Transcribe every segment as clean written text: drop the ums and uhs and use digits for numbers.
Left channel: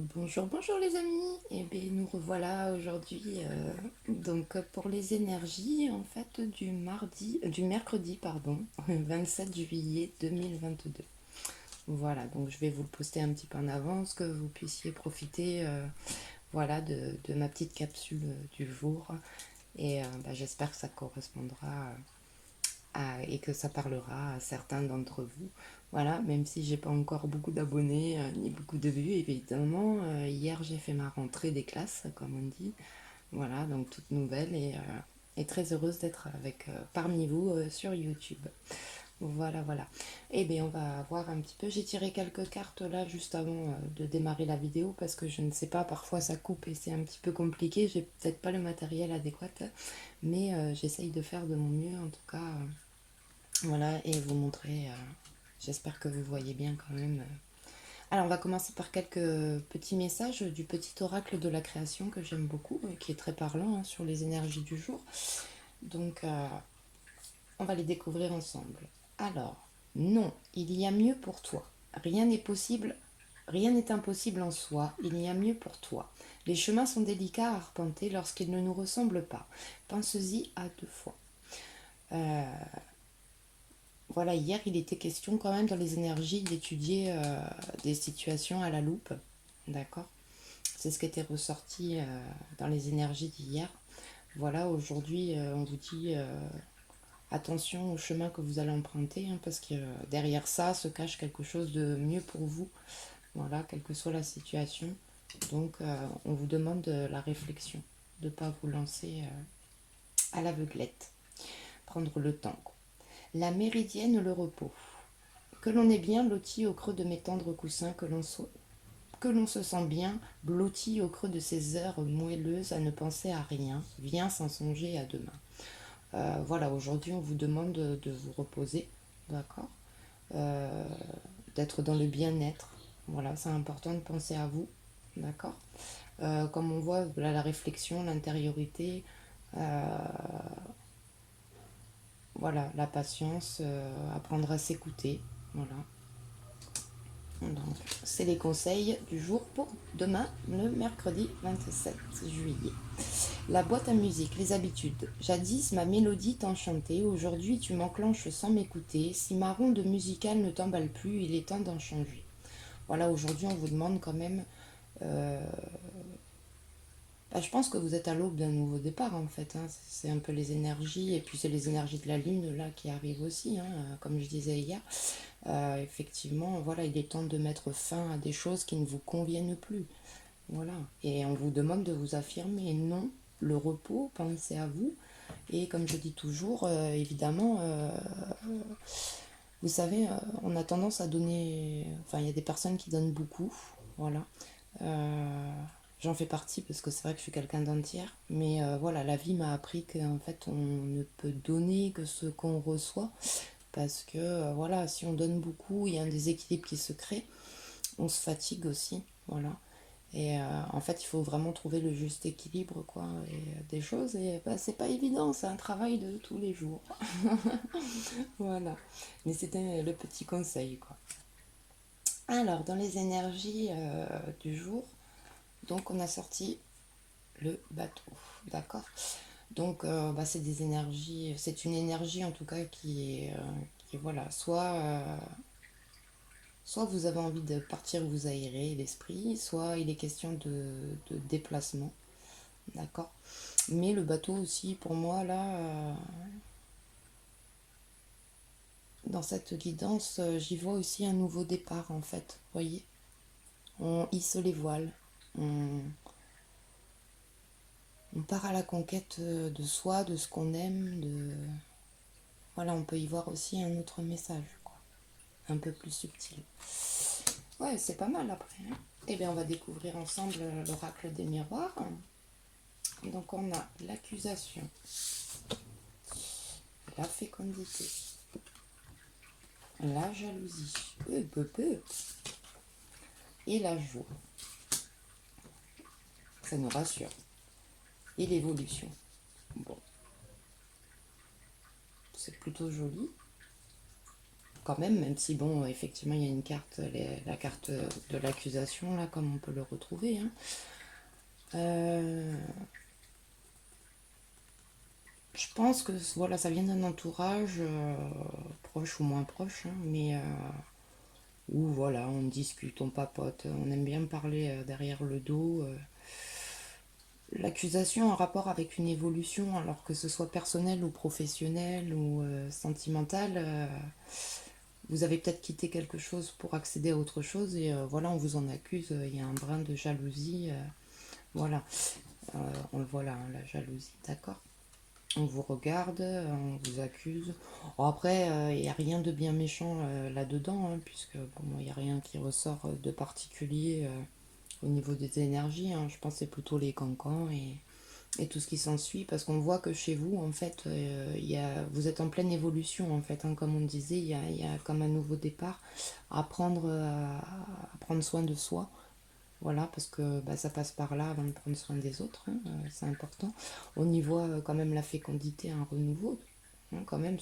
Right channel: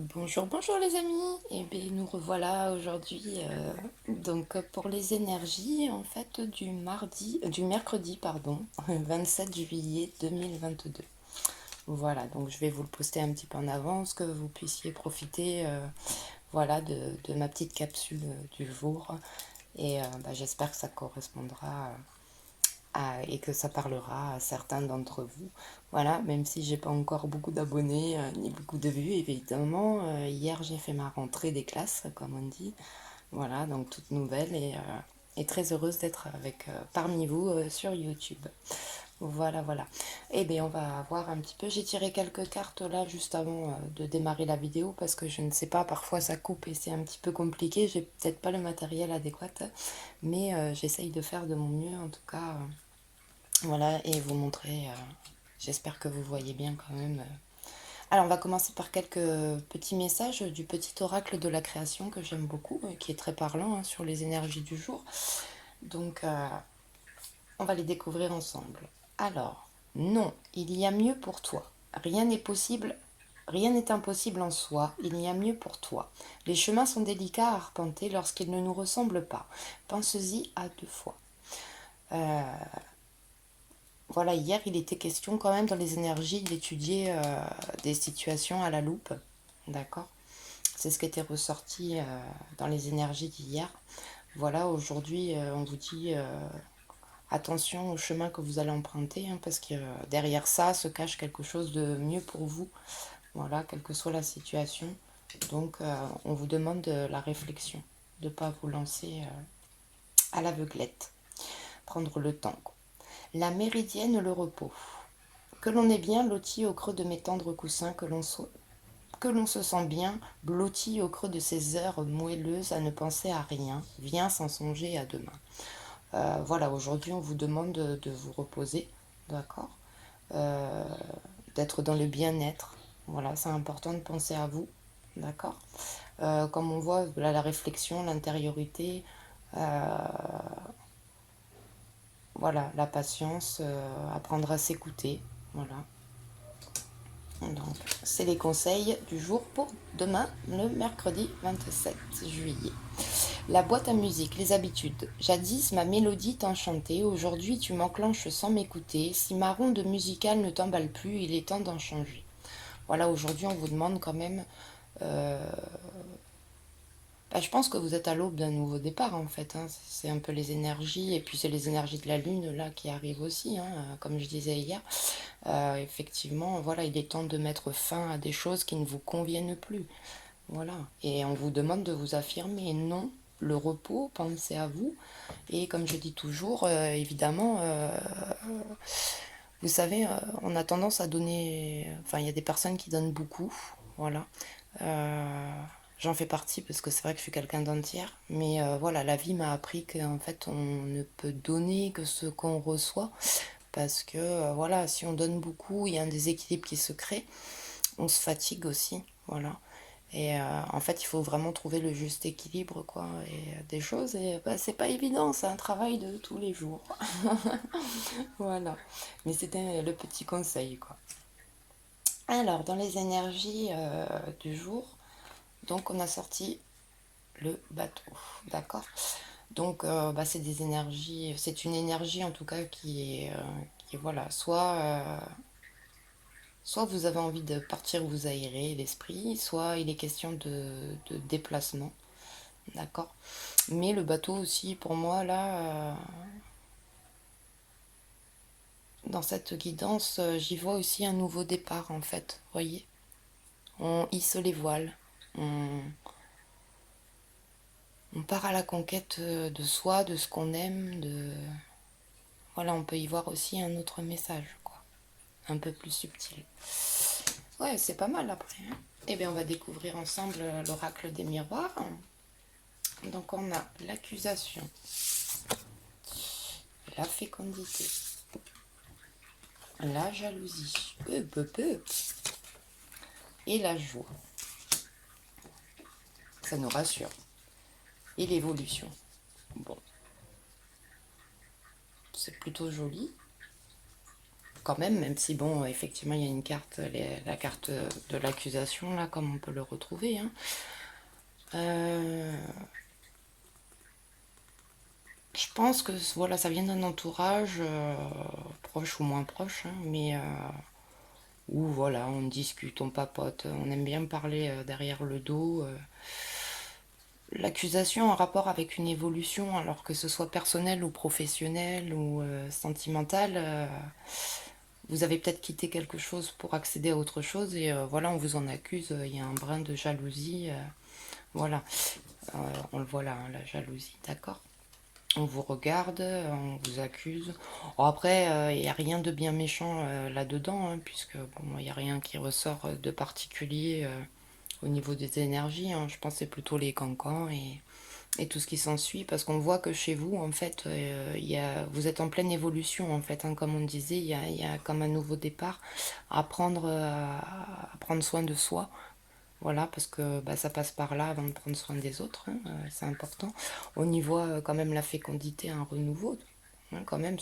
Bonjour, bonjour les amis. Et bien nous revoilà aujourd'hui pour les énergies en fait du mercredi pardon, 27 juillet 2022. Voilà, donc je vais vous le poster un petit peu en avance que vous puissiez profiter voilà de ma petite capsule du jour et j'espère que ça correspondra et que ça parlera à certains d'entre vous. Voilà, même si j'ai pas encore beaucoup d'abonnés ni beaucoup de vues, évidemment. Hier, j'ai fait ma rentrée des classes, comme on dit. Voilà, donc toute nouvelle et très heureuse d'être avec parmi vous sur YouTube. Voilà, voilà. Eh bien, on va voir un petit peu. J'ai tiré quelques cartes là juste avant de démarrer la vidéo parce que je ne sais pas, parfois ça coupe et c'est un petit peu compliqué. J'ai peut-être pas le matériel adéquat, mais j'essaye de faire de mon mieux en tout cas. Voilà, et vous montrer, j'espère que vous voyez bien quand même. Alors, on va commencer par quelques petits messages du petit oracle de la création que j'aime beaucoup, qui est très parlant hein, sur les énergies du jour. Donc, on va les découvrir ensemble. Alors, non, il y a mieux pour toi. Rien n'est possible, rien n'est impossible en soi. Il y a mieux pour toi. Les chemins sont délicats à arpenter lorsqu'ils ne nous ressemblent pas. Pense-y à deux fois. Euh, Voilà, hier, il était question quand même dans les énergies d'étudier des situations à la loupe. D'accord. C'est ce qui était ressorti dans les énergies d'hier. Voilà, aujourd'hui, on vous dit attention au chemin que vous allez emprunter, hein, parce que derrière ça se cache quelque chose de mieux pour vous. Voilà, quelle que soit la situation. Donc, on vous demande de la réflexion, de ne pas vous lancer à l'aveuglette. Prendre le temps. La méridienne, le repos. Que l'on est bien loti au creux de mes tendres coussins, que l'on se sent bien blotti au creux de ces heures moelleuses à ne penser à rien, viens sans songer à demain. Voilà, aujourd'hui on vous demande de vous reposer, d'accord. Euh, D'être dans le bien-être, voilà, c'est important de penser à vous, d'accord. Comme on voit, là, la réflexion, l'intériorité, voilà, la patience, apprendre à s'écouter, voilà. Donc, c'est les conseils du jour pour demain, le mercredi 27 juillet. La boîte à musique, les habitudes. Jadis, ma mélodie t'enchantait, aujourd'hui tu m'enclenches sans m'écouter. Si ma ronde musicale ne t'emballe plus, il est temps d'en changer. Voilà, aujourd'hui on vous demande quand même... je pense que vous êtes à l'aube d'un nouveau départ en fait, hein. C'est un peu les énergies, et puis c'est les énergies de la lune là qui arrivent aussi, hein, comme je disais hier. Effectivement, voilà, il est temps de mettre fin à des choses qui ne vous conviennent plus. Voilà. Et on vous demande de vous affirmer. Non, le repos, pensez à vous. Et comme je dis toujours, évidemment, vous savez, on a tendance à donner. Enfin, il y a des personnes qui donnent beaucoup. Voilà. J'en fais partie parce que c'est vrai que je suis quelqu'un d'entière. Mais voilà, la vie m'a appris qu'en fait, on ne peut donner que ce qu'on reçoit. Parce que voilà, si on donne beaucoup, il y a un déséquilibre qui se crée. On se fatigue aussi. Voilà. Et en fait, il faut vraiment trouver le juste équilibre, quoi, et des choses. Et c'est pas évident, c'est un travail de tous les jours. Voilà. Mais c'était le petit conseil, quoi. Alors, dans les énergies du jour, donc on a sorti le bateau, d'accord. Donc, c'est des énergies, c'est une énergie en tout cas qui est voilà, soit vous avez envie de partir vous aérer l'esprit, soit il est question de déplacement, d'accord. Mais le bateau aussi, pour moi, là, dans cette guidance, j'y vois aussi un nouveau départ, en fait. Vous voyez, on hisse les voiles, on, on part à la conquête de soi, de ce qu'on aime, de... Voilà, on peut y voir aussi un autre message, quoi. Un peu plus subtil. Ouais, c'est pas mal après, hein. Eh bien, on va découvrir ensemble l'oracle des miroirs. Donc, on a l'accusation, la fécondité, la jalousie, et la joie. Ça nous rassure. Et l'évolution. Bon, c'est plutôt joli. quand même si bon, effectivement, il y a une carte, la carte de l'accusation, là, comme on peut le retrouver. Hein. Je pense que voilà, ça vient d'un entourage proche ou moins proche, hein, mais où voilà, on discute, on papote, on aime bien parler derrière le dos. L'accusation en rapport avec une évolution, alors que ce soit personnelle ou professionnelle ou sentimentale, vous avez peut-être quitté quelque chose pour accéder à autre chose et voilà, on vous en accuse, il y a un brin de jalousie, voilà, on le voit là, hein, la jalousie, d'accord. On vous regarde, on vous accuse. Bon, après, il n'y a rien de bien méchant là-dedans, hein, puisque bon, il n'y a rien qui ressort de particulier au niveau des énergies. Hein. Je pense que c'est plutôt les cancans et tout ce qui s'ensuit, parce qu'on voit que chez vous, en fait, vous êtes en pleine évolution, en fait. Hein, comme on disait, il y a comme un nouveau départ à à prendre soin de soi. Voilà, parce que bah, ça passe par là avant de prendre soin des autres, hein, c'est important. On y voit quand même la fécondité, un renouveau, hein, quand même,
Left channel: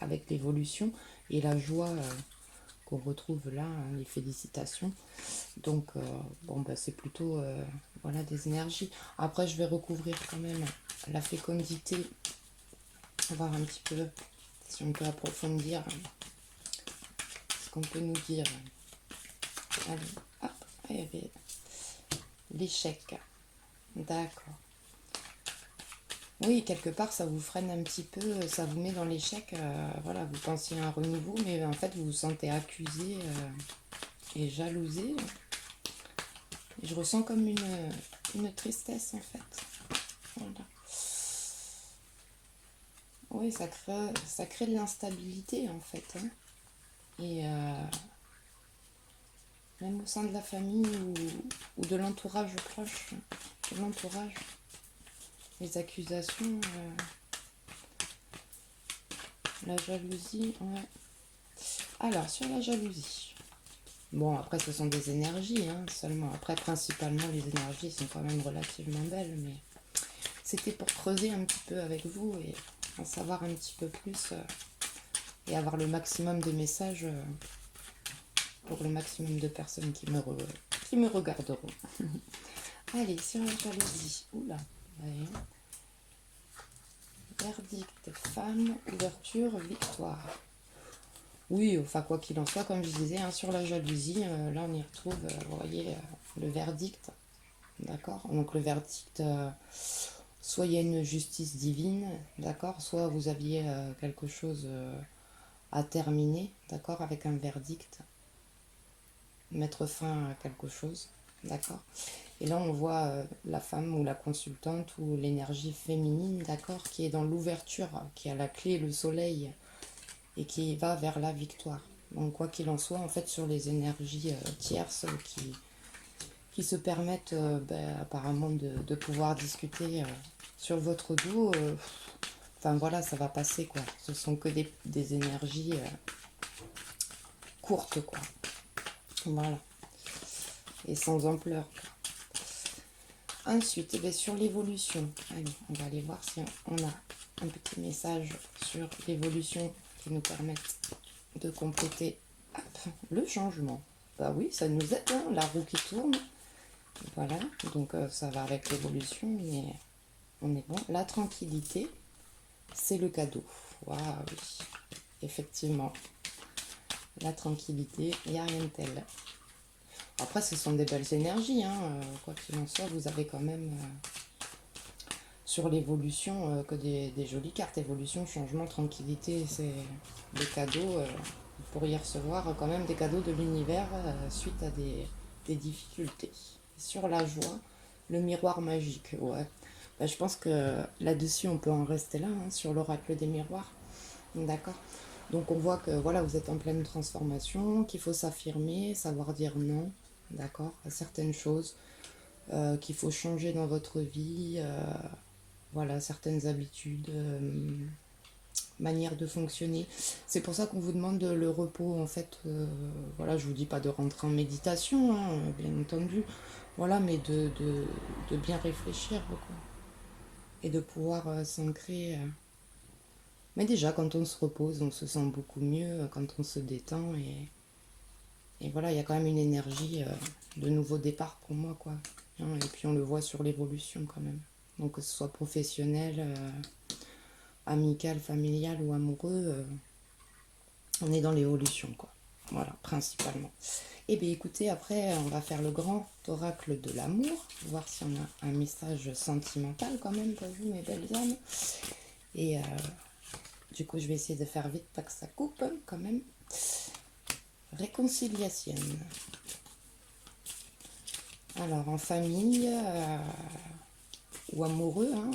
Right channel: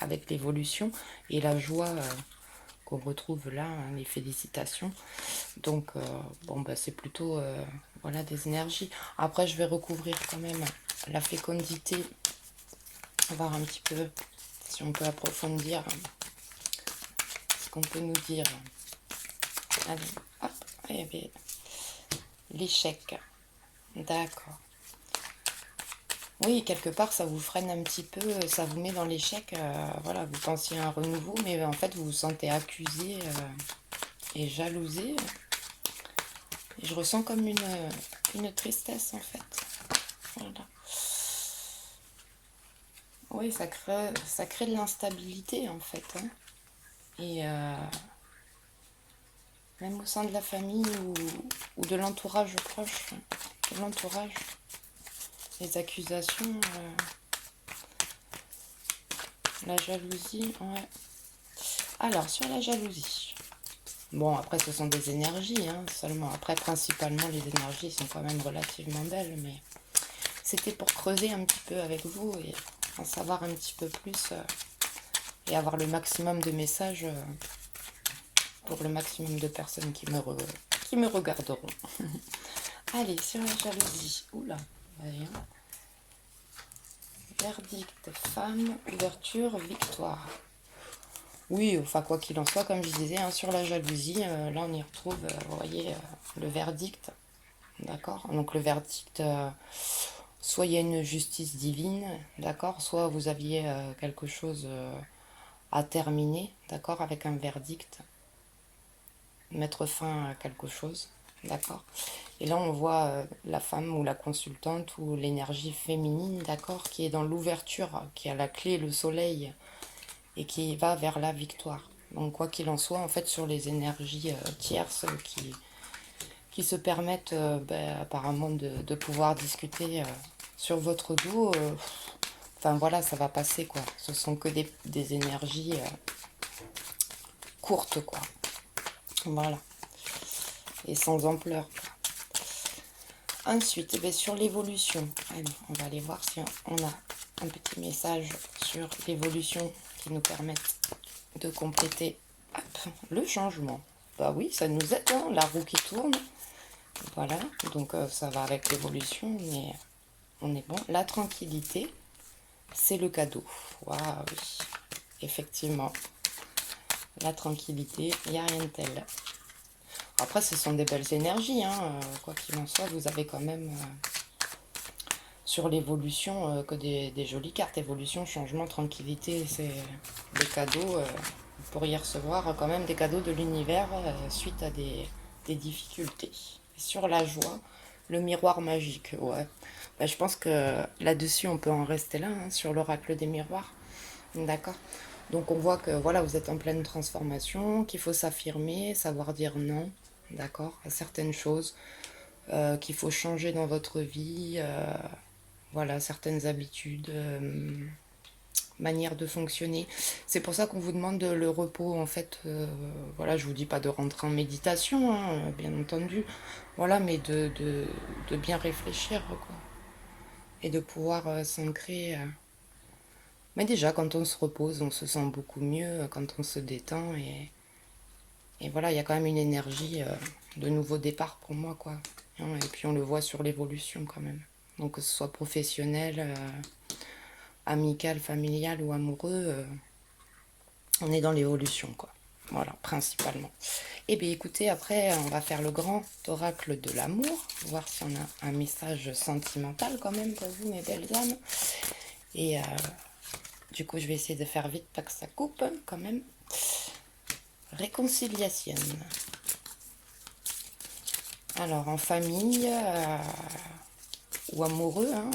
avec l'évolution et la joie qu'on retrouve là, hein, les félicitations. Donc, bon, bah, c'est plutôt voilà, des énergies. Après, je vais recouvrir quand même la fécondité, voir un petit peu si on peut approfondir ce qu'on peut nous dire. Allez, hop, il y avait l'échec. D'accord. Oui, quelque part, ça vous freine un petit peu, ça vous met dans l'échec. Voilà, vous pensiez à un renouveau, mais en fait, vous vous sentez accusé et jalousé. Et je ressens comme une tristesse, en fait. Voilà. Oui, ça crée de l'instabilité, en fait. Hein. Et même au sein de la famille ou de l'entourage proche, de l'entourage, les accusations, la jalousie, ouais. Alors, sur la jalousie. Bon, après, ce sont des énergies, hein, seulement. Après, principalement, les énergies sont quand même relativement belles, mais c'était pour creuser un petit peu avec vous et en savoir un petit peu plus et avoir le maximum de messages pour le maximum de personnes qui me regarderont. Allez, sur la jalousie. Oula, d'ailleurs. Verdict, femme, ouverture, victoire. Oui, enfin quoi qu'il en soit, comme je disais, hein, sur la jalousie, là on y retrouve, vous voyez, le verdict, d'accord. Donc le verdict, soit il y a une justice divine, d'accord, soit vous aviez quelque chose à terminer, d'accord, avec un verdict, mettre fin à quelque chose, d'accord. Et là on voit la femme ou la consultante ou l'énergie féminine, d'accord, qui est dans l'ouverture, qui a la clé, le soleil, et qui va vers la victoire. Donc quoi qu'il en soit, en fait, sur les énergies tierces qui se permettent apparemment de pouvoir discuter sur votre dos, enfin voilà, ça va passer quoi. Ce sont que des énergies courtes quoi. Voilà. Et sans ampleur. Ensuite, eh bien, sur l'évolution, allez, on va aller voir si on a un petit message sur l'évolution qui nous permettent de compléter le changement. Bah oui, ça nous aide, hein, la roue qui tourne. Voilà, donc ça va avec l'évolution, mais on est bon. La tranquillité, c'est le cadeau. Waouh, oui. Effectivement. La tranquillité, il n'y a rien de tel. Après, ce sont des belles énergies, hein, quoi qu'il en soit, vous avez quand même sur l'évolution que des jolies cartes. Évolution, changement, tranquillité, c'est des cadeaux. Vous pourriez recevoir quand même des cadeaux de l'univers suite à des difficultés. Et sur la joie, le miroir magique, ouais. Bah, je pense que là-dessus, on peut en rester là, hein, sur l'oracle des miroirs. D'accord. Donc on voit que voilà, vous êtes en pleine transformation, qu'il faut s'affirmer, savoir dire non, d'accord, à certaines choses, qu'il faut changer dans votre vie, voilà, certaines habitudes, manières de fonctionner. C'est pour ça qu'on vous demande le repos, en fait. Voilà, je vous dis pas de rentrer en méditation, hein, bien entendu, voilà, mais de bien réfléchir, quoi, et de pouvoir s'ancrer Mais déjà, quand on se repose, on se sent beaucoup mieux, quand on se détend. Et voilà, il y a quand même une énergie de nouveau départ pour moi, quoi. Hein, et puis on le voit sur l'évolution quand même. Donc que ce soit professionnel, amical, familial ou amoureux, on est dans l'évolution, quoi. Voilà, principalement. Et bien écoutez, après, on va faire le grand oracle de l'amour, voir si on a un message sentimental quand même pour vous, mes belles âmes. Et du coup, je vais essayer de faire vite, pas que ça coupe, quand même. Réconciliation. Alors, en famille ou amoureux, hein,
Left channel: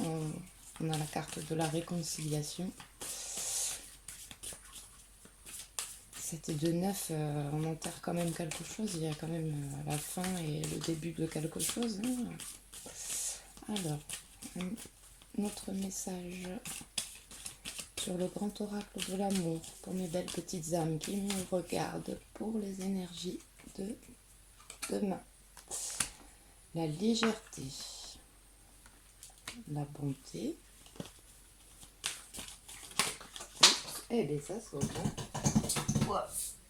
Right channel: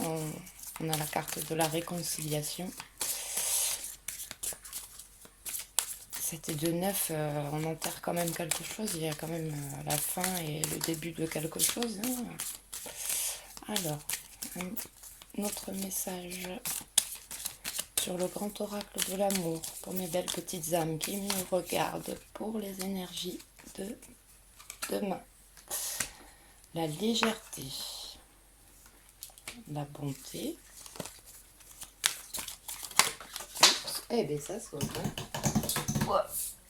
on a la carte de la réconciliation. C'était de neuf, on enterre quand même quelque chose. Il y a quand même la fin et le début de quelque chose. Hein. Alors, un autre message sur le grand oracle de l'amour pour mes belles petites âmes qui me regardent pour les énergies de demain. La légèreté, la bonté. Oups. Eh bien ça saute. Hein. Ouais.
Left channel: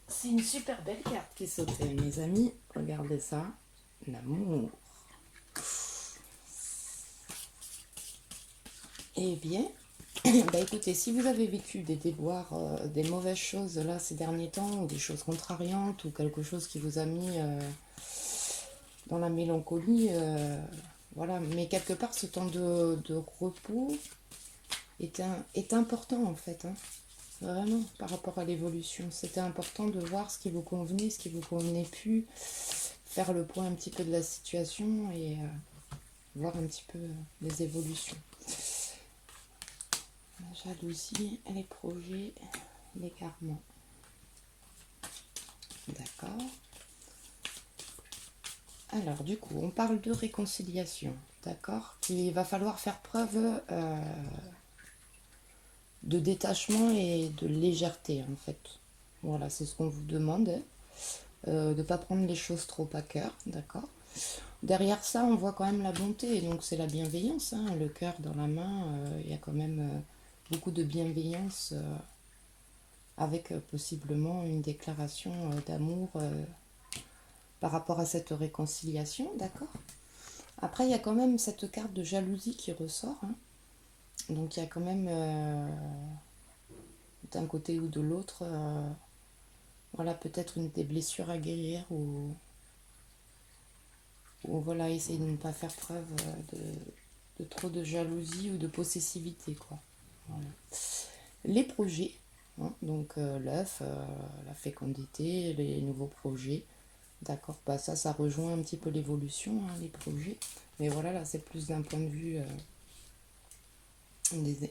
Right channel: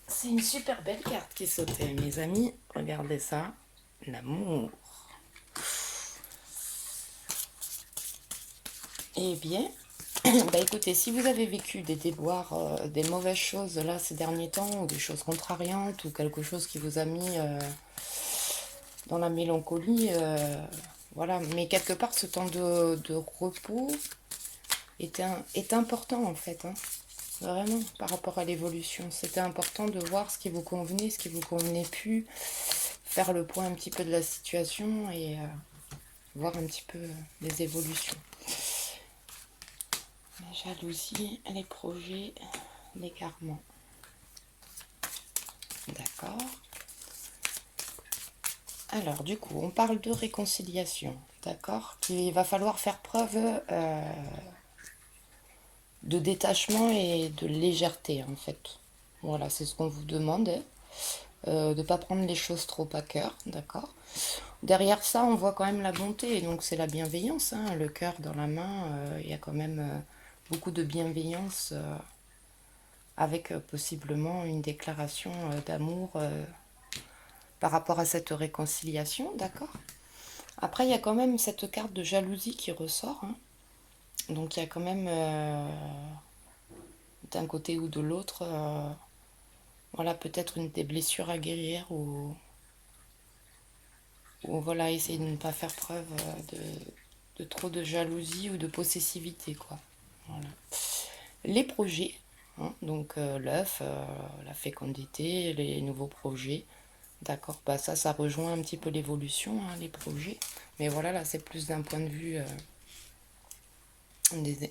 C'est une super belle carte qui sautait, mes amis. Regardez ça. L'amour. Eh bien, bah écoutez, si vous avez vécu des déboires, des mauvaises choses là ces derniers temps, ou des choses contrariantes, ou quelque chose qui vous a mis dans la mélancolie, voilà. Mais quelque part, ce temps de repos est important en fait. Hein. Vraiment, par rapport à l'évolution. C'était important de voir ce qui vous convenait, ce qui vous convenait plus, faire le point un petit peu de la situation et voir un petit peu les évolutions. La jalousie, les projets, l'écartement. D'accord. Alors, du coup, on parle de réconciliation. D'accord. Il va falloir faire preuve de détachement et de légèreté, en fait. Voilà, c'est ce qu'on vous demande. De ne pas prendre les choses trop à cœur. D'accord. Derrière ça, on voit quand même la bonté, donc c'est la bienveillance. Hein, le cœur dans la main, il y a quand même beaucoup de bienveillance avec possiblement une déclaration d'amour par rapport à cette réconciliation, d'accord. Après, il y a quand même cette carte de jalousie qui ressort. Hein. Donc, il y a quand même, d'un côté ou de l'autre, voilà, peut-être des blessures à guérir ou voilà, essayer de ne pas faire preuve de trop de jalousie ou de possessivité, quoi. Voilà. Les projets, hein, donc l'œuf, la fécondité, les nouveaux projets. D'accord, bah ça rejoint un petit peu l'évolution, hein, les projets. Mais voilà, là, c'est plus d'un point de vue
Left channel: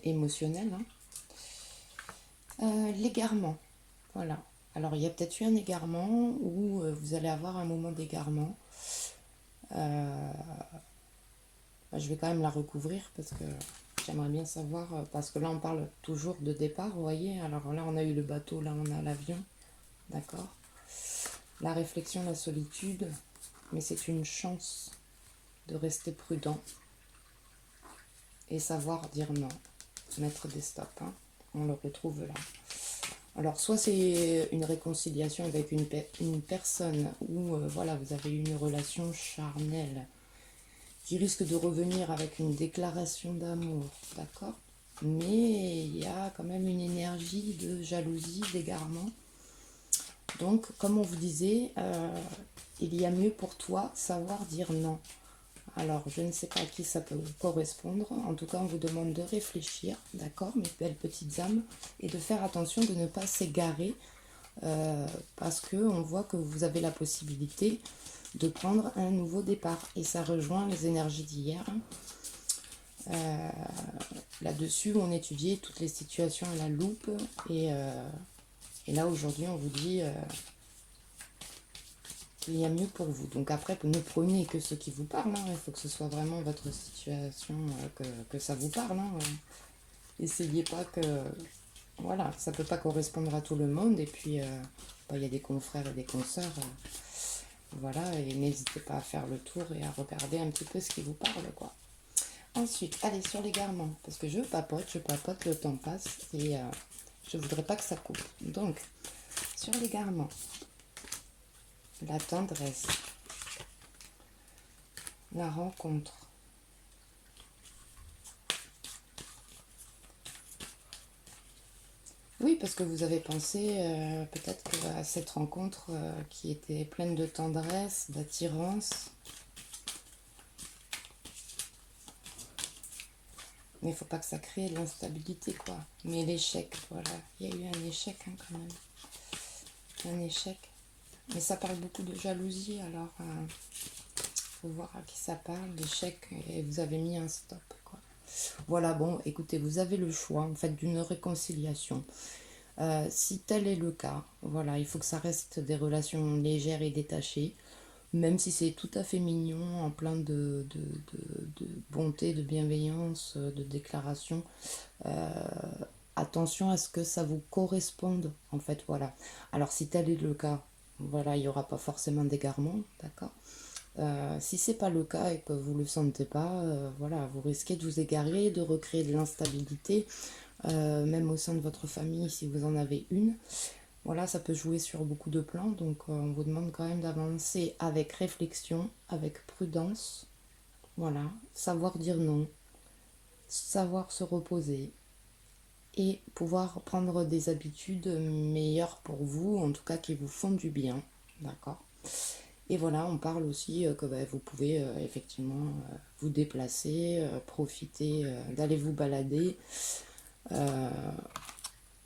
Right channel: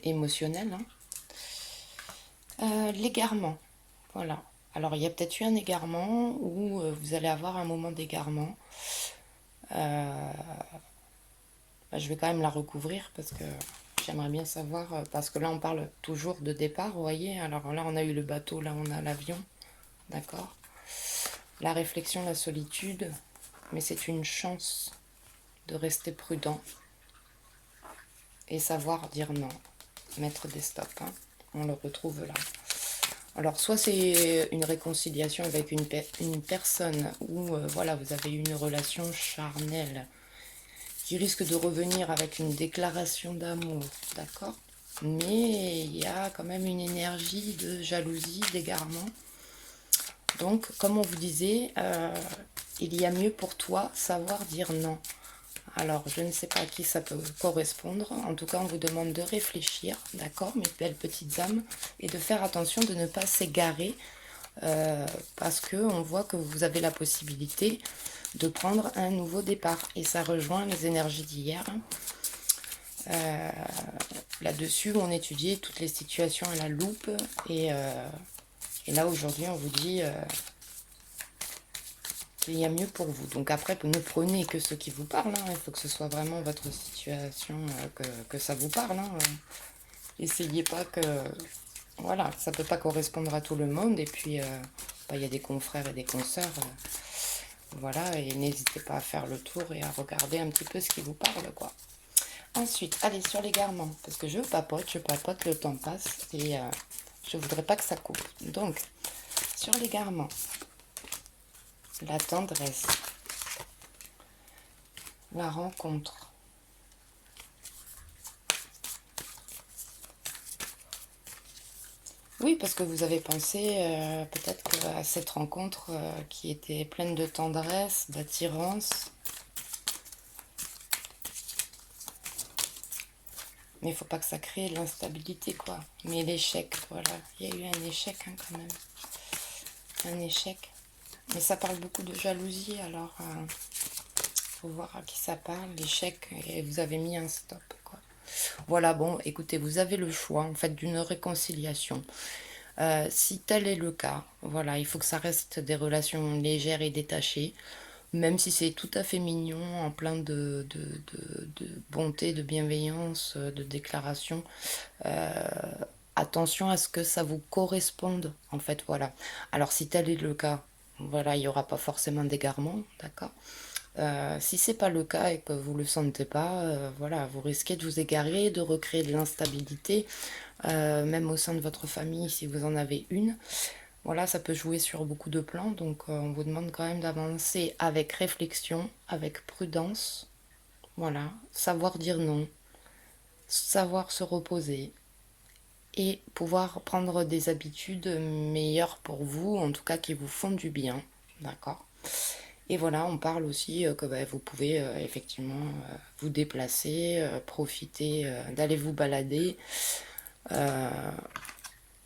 émotionnel. Hein. L'égarement, voilà. Alors, il y a peut-être eu un égarement ou vous allez avoir un moment d'égarement. Bah, je vais quand même la recouvrir parce que j'aimerais bien savoir, parce que là, on parle toujours de départ, vous voyez. Alors là, on a eu le bateau, là, on a l'avion, d'accord. La réflexion, la solitude, mais c'est une chance de rester prudent et savoir dire non, mettre des stops. Hein. On le retrouve là. Alors, soit c'est une réconciliation avec une personne où voilà, vous avez eu une relation charnelle qui risque de revenir avec une déclaration d'amour, d'accord. Mais il y a quand même une énergie de jalousie, d'égarement. Donc, comme on vous disait, il y a mieux pour toi savoir dire non. Alors, je ne sais pas à qui ça peut correspondre. En tout cas, on vous demande de réfléchir, d'accord, mes belles petites âmes, et de faire attention de ne pas s'égarer, parce qu'on voit que vous avez la possibilité de prendre un nouveau départ. Et ça rejoint les énergies d'hier. Là-dessus, on étudiait toutes les situations à la loupe. Et là, aujourd'hui, on vous dit... il y a mieux pour vous. Donc après, vous ne prenez que ce qui vous parle. Hein. Il faut que ce soit vraiment votre situation, que ça vous parle. Hein. Essayez pas que... Voilà, ça peut pas correspondre à tout le monde. Et puis, il y a des confrères et des consoeurs. Voilà, et n'hésitez pas à faire le tour et à regarder un petit peu ce qui vous parle, quoi. Ensuite, allez, sur l'égarement, parce que je papote, le temps passe et je voudrais pas que ça coupe. Donc, sur l'égarement, la tendresse, la rencontre. Oui, parce que vous avez pensé peut-être à cette rencontre qui était pleine de tendresse, d'attirance. Mais il faut pas que ça crée l'instabilité, quoi. Mais l'échec, voilà. Il y a eu un échec, hein, quand même. Un échec. Mais ça parle beaucoup de jalousie, alors faut voir à qui ça parle, l'échec, et vous avez mis un stop, quoi. Voilà, bon, écoutez, vous avez le choix, en fait, d'une réconciliation. Si tel est le cas, voilà, il faut que ça reste des relations légères et détachées, même si c'est tout à fait mignon, en plein de bonté, de bienveillance, de déclaration. Attention à ce que ça vous corresponde, en fait, voilà. Alors, si tel est le cas, voilà, il n'y aura pas forcément d'égarement, d'accord. Si c'est pas le cas et que vous le sentez pas, voilà, vous risquez de vous égarer, de recréer de l'instabilité, même au sein de votre famille si vous en avez une. Voilà, ça peut jouer sur beaucoup de plans, donc on vous demande quand même d'avancer avec réflexion, avec prudence. Voilà, savoir dire non, savoir se reposer et pouvoir prendre des habitudes meilleures pour vous, en tout cas qui vous font du bien, d'accord. Et voilà, on parle aussi que vous pouvez effectivement vous déplacer, profiter d'aller vous balader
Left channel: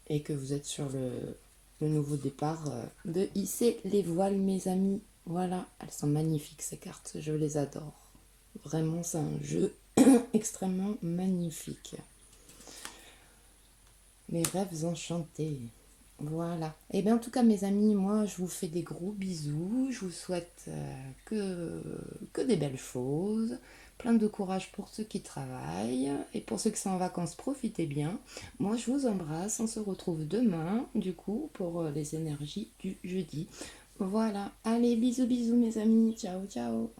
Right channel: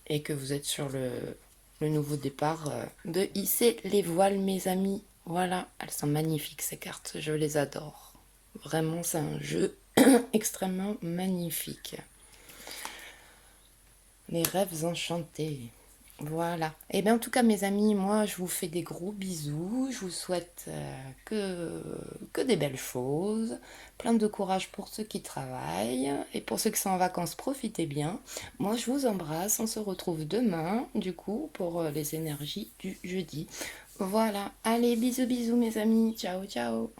et que vous êtes sur le nouveau départ de hisser les voiles, mes amis. Voilà, elles sont magnifiques ces cartes, je les adore. Vraiment, c'est un jeu extrêmement magnifique. Les rêves enchantés. Voilà. Et bien en tout cas mes amis, moi je vous fais des gros bisous. Je vous souhaite que des belles choses. Plein de courage pour ceux qui travaillent. Et pour ceux qui sont en vacances, profitez bien. Moi je vous embrasse. On se retrouve demain du coup pour les énergies du jeudi. Voilà. Allez, bisous bisous mes amis. Ciao ciao.